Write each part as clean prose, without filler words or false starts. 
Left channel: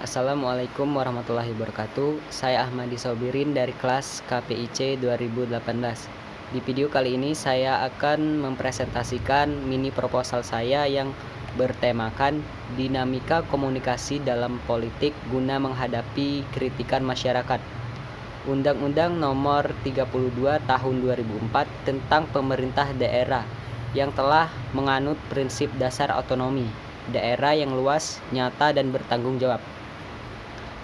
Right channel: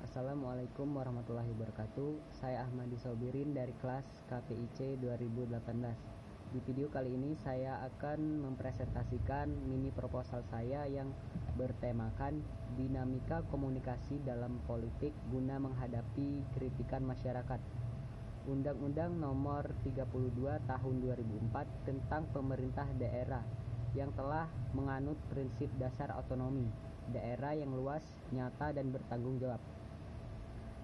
Assalamualaikum warahmatullahi wabarakatuh. Saya Ahmadi Sobirin dari kelas KPIC 2018. Di video kali ini saya akan mempresentasikan mini proposal saya yang bertemakan dinamika komunikasi dalam politik guna menghadapi kritikan masyarakat. Undang-Undang Nomor 32 Tahun 2004 tentang pemerintah daerah yang telah menganut prinsip dasar otonomi daerah yang luas, nyata, dan bertanggung jawab.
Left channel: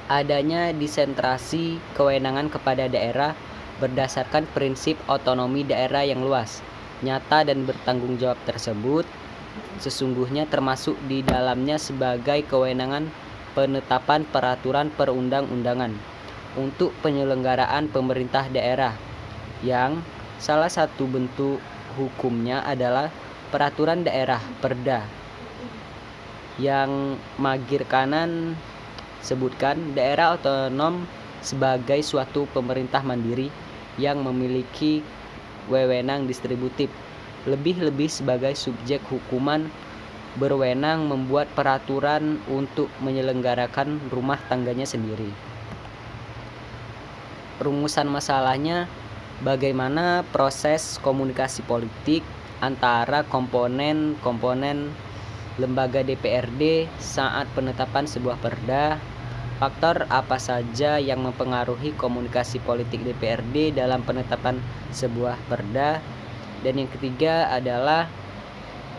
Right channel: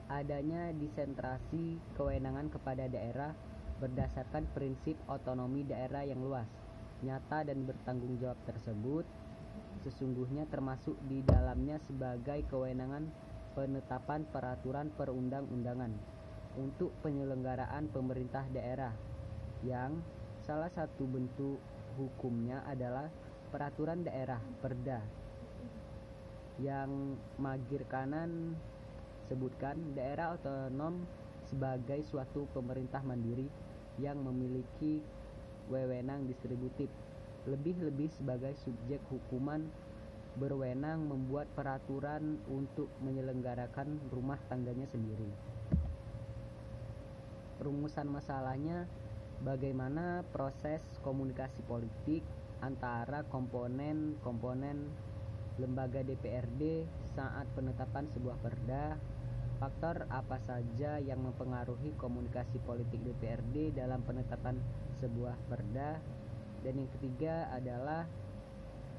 Adanya desentrasi kewenangan kepada daerah berdasarkan prinsip otonomi daerah yang luas, nyata, dan bertanggung jawab tersebut sesungguhnya termasuk di dalamnya sebagai kewenangan penetapan peraturan perundang-undangan untuk penyelenggaraan pemerintah daerah yang salah satu bentuk hukumnya adalah peraturan daerah Perda yang magir kanan sebutkan daerah otonom sebagai suatu pemerintah mandiri yang memiliki wewenang distributif, lebih-lebih sebagai subjek hukuman berwenang membuat peraturan untuk menyelenggarakan rumah tangganya sendiri. Rumusan masalahnya, bagaimana proses komunikasi politik antara komponen-komponen lembaga DPRD saat penetapan sebuah perda, faktor apa saja yang mempengaruhi komunikasi politik DPRD dalam penetapan sebuah perda, dan yang ketiga adalah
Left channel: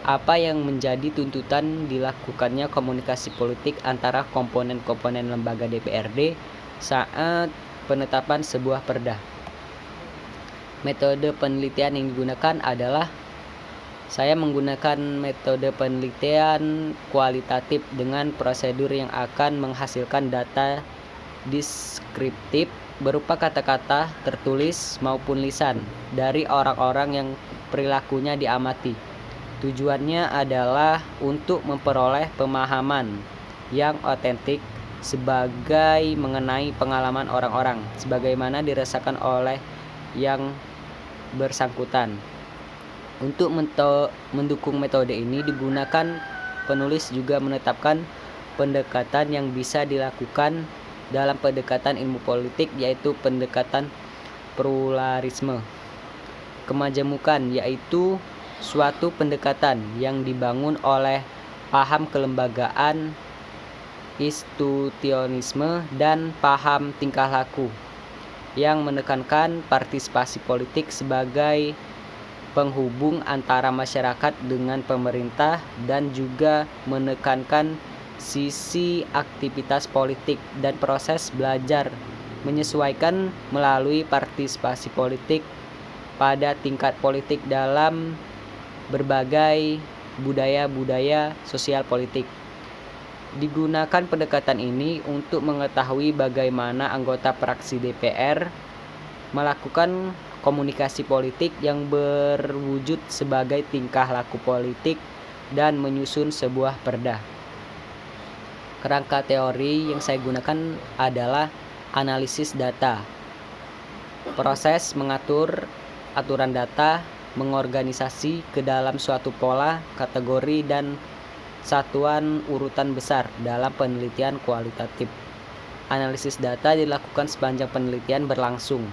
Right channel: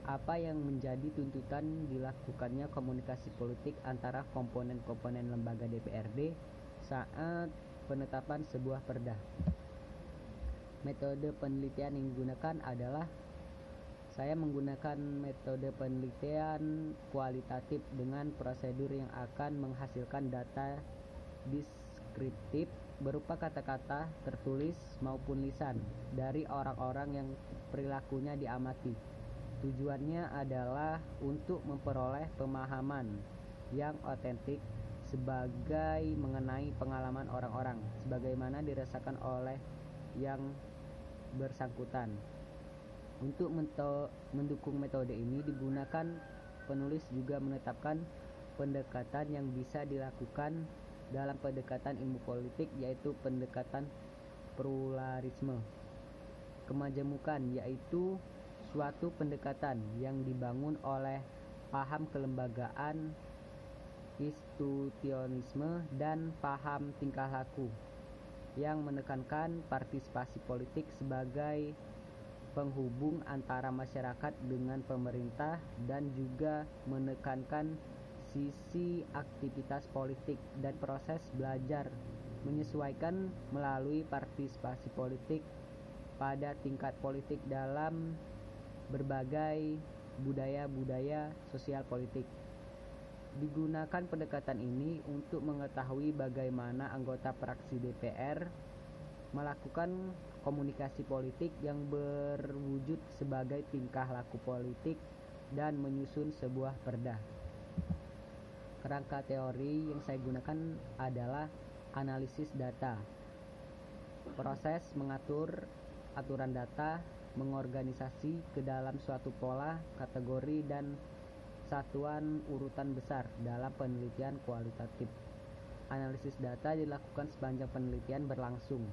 apa yang menjadi tuntutan dilakukannya komunikasi politik antara komponen-komponen lembaga DPRD saat penetapan sebuah perda. Metode penelitian yang digunakan adalah saya menggunakan metode penelitian kualitatif dengan prosedur yang akan menghasilkan data deskriptif berupa kata-kata tertulis maupun lisan dari orang-orang yang perilakunya diamati. Tujuannya adalah untuk memperoleh pemahaman yang otentik sebagai mengenai pengalaman orang-orang sebagaimana dirasakan oleh yang bersangkutan. Untuk mendukung metode ini digunakan, penulis juga menetapkan pendekatan yang bisa dilakukan dalam pendekatan ilmu politik, yaitu pendekatan pluralisme kemajemukan, yaitu suatu pendekatan yang dibangun oleh paham kelembagaan, institusionisme, dan paham tingkah laku yang menekankan partisipasi politik sebagai penghubung antara masyarakat dengan pemerintah dan juga menekankan sisi aktivitas politik dan proses belajar menyesuaikan melalui partisipasi politik pada tingkat politik dalam berbagai budaya-budaya sosial politik. Digunakan pendekatan ini untuk mengetahui bagaimana anggota fraksi DPR melakukan komunikasi politik yang berwujud sebagai tingkah laku politik dan menyusun sebuah perda. Kerangka teori yang saya gunakan adalah analisis data. Proses mengatur aturan data, mengorganisasi ke dalam suatu pola, kategori, dan satuan urutan besar dalam penelitian kualitatif. Analisis data dilakukan sepanjang penelitian berlangsung.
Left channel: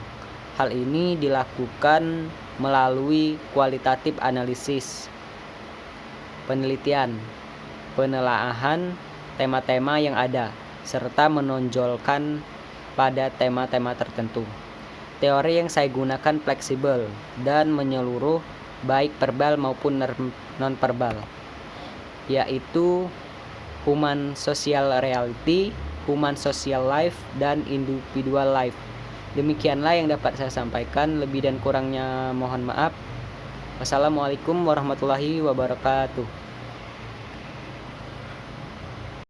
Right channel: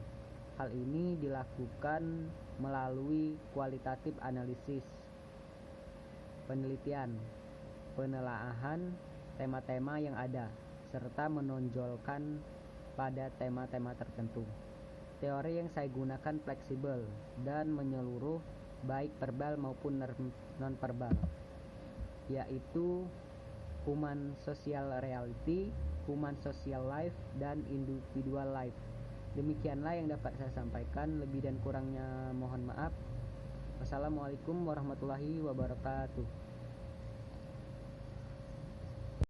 Hal ini dilakukan melalui kualitatif analisis, penelitian, penelaahan tema-tema yang ada, serta menonjolkan pada tema-tema tertentu. Teori yang saya gunakan fleksibel dan menyeluruh baik verbal maupun non-verbal, yaitu human social reality, human social life, dan individual life. Demikianlah yang dapat saya sampaikan, lebih dan kurangnya mohon maaf. Wassalamualaikum warahmatullahi wabarakatuh.